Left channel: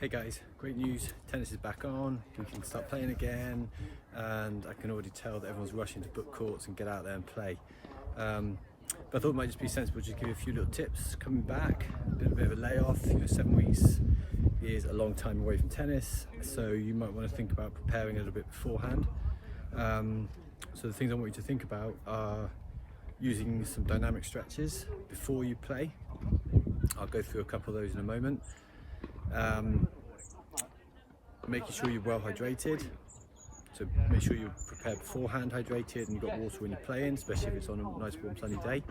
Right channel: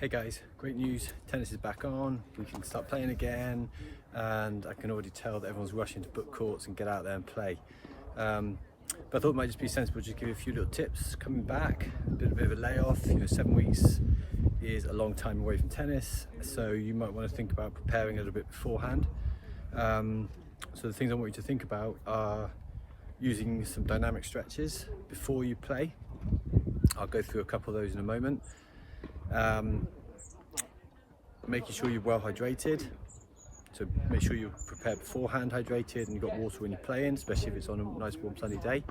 Hey guys, great news, tennis is back on, we can start playing again, and I can already tell that everyone's rushing to book courts and get out there and play. But I thought it might just be sensible to give you a few little tips coming back, a bit of a layoff. 7 weeks is a long time away from tennis, so you might want to think about preparing a little bit beforehand. So the things I want you to think about are using some dynamic stretches before you play. I'll go through a couple of those in a moment. Making sure you're well hydrated, so make sure you're prepared beforehand, hydrated, and you've got water when you're playing, especially if it's on a nice warm sunny day.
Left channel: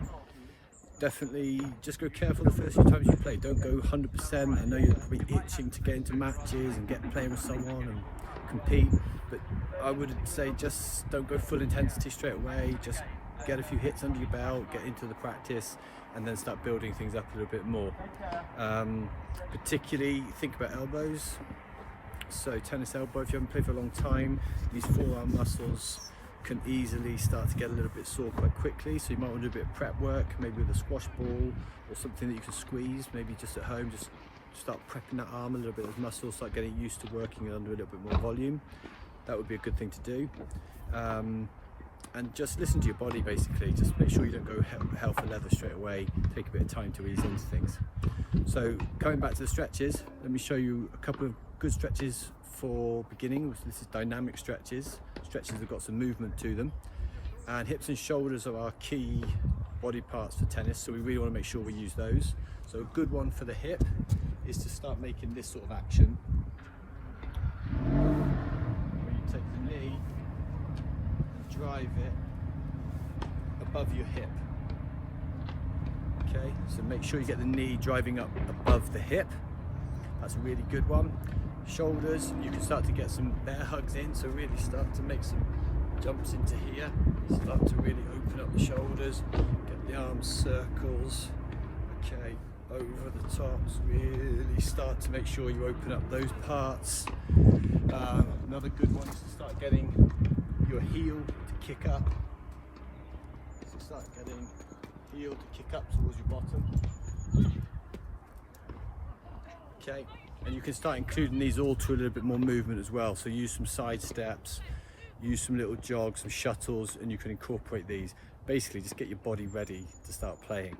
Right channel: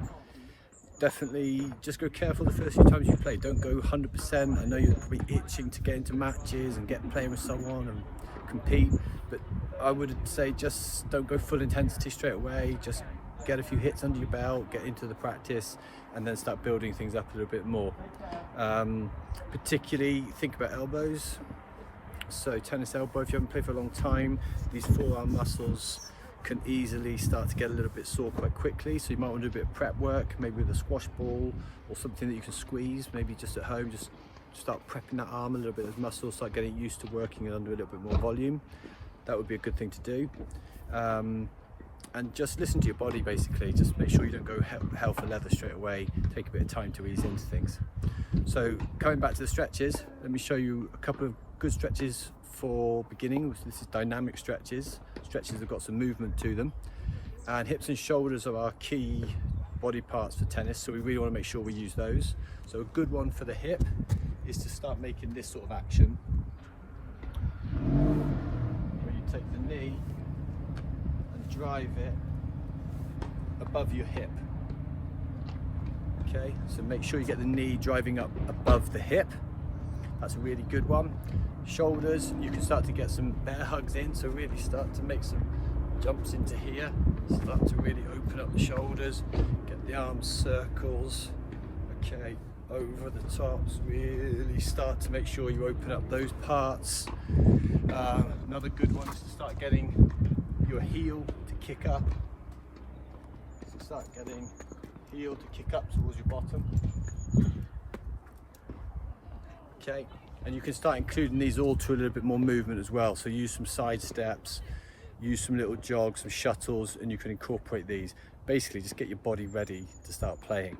Definitely just go careful the first few times you play. Don't go 100%. I know you're probably itching to get into matches and get playing with someone and compete, but I would say just don't go full intensity straight away. Just get a few hits under your belt, get into the practice, and then start building things up a little bit more. Particularly think about elbows. So tennis elbow, if you haven't played for a long time, these forearm muscles can easily start to get a little bit sore quite quickly. So you might want to do a bit of prep work, maybe with a squash ball or something that you can squeeze, maybe just at home, just start prepping that arm a little bit, those muscles, start getting used to working under a little bit more volume. That would be a good thing to do. And just listen to your body basically, just make sure you don't go hell for leather straight away, take a bit of time to ease into things. So coming back to the stretches, let me show you a couple of good stretches for beginning. This is dynamic stretches that have got some movement to them. And hips and shoulders are our key body parts for tennis, so we really want to make sure we use those. So a good one for the hip is to start making this sort of action, where you take the knee and drive it above your hip. Okay, so make sure you get the knee driving up above the hip. That's a really good one. Shoulders, you can start to get some bear hugs in, so really start to make some jumps into here. Start to really open up the shoulders, get the arms circles, okay, over the tops. Really start to make sure you open up those parts. Another good one is to start getting your heel to kick up. So start getting heel to kick up towards your bottom. Okay, and you can start including these all to a little bit more movement as well. So use some side steps, use some little jogs, some shuttles, and you can incorporate these. Basically, just get your body ready to start playing.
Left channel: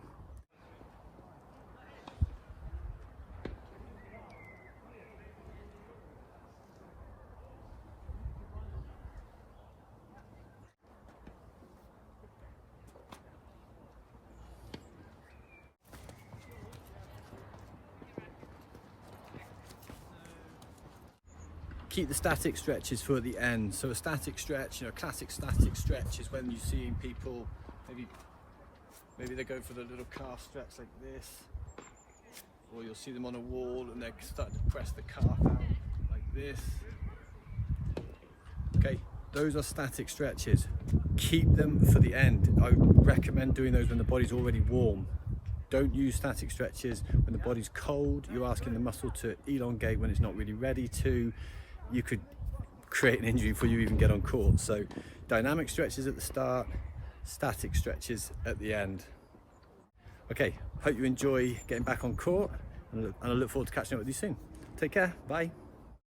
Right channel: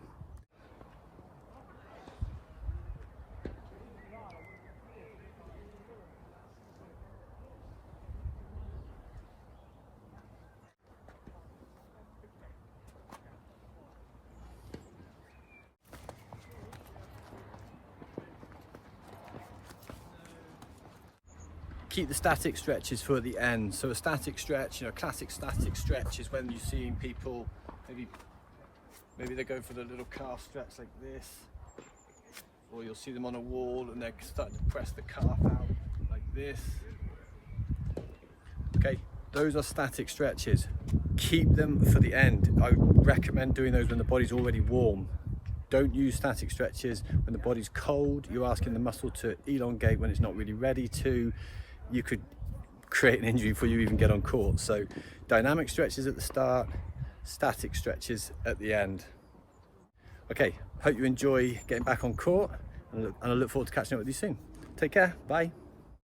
Keep the static stretches for the end. So a static stretch, classic static stretch is when you're seeing people, maybe they go for the little calf stretch like this, or you'll see them on a wall and they're starting to press the calf out like this. Okay, those are static stretches. Keep them for the end. I recommend doing those when the body's already warm. Don't use static stretches when the body's cold. You're asking the muscle to elongate when it's not really ready to. You could create an injury before you even get on court. So dynamic stretches at the start, static stretches at the end. Okay, hope you enjoy getting back on court, and I look forward to catching up with you soon. Take care, bye.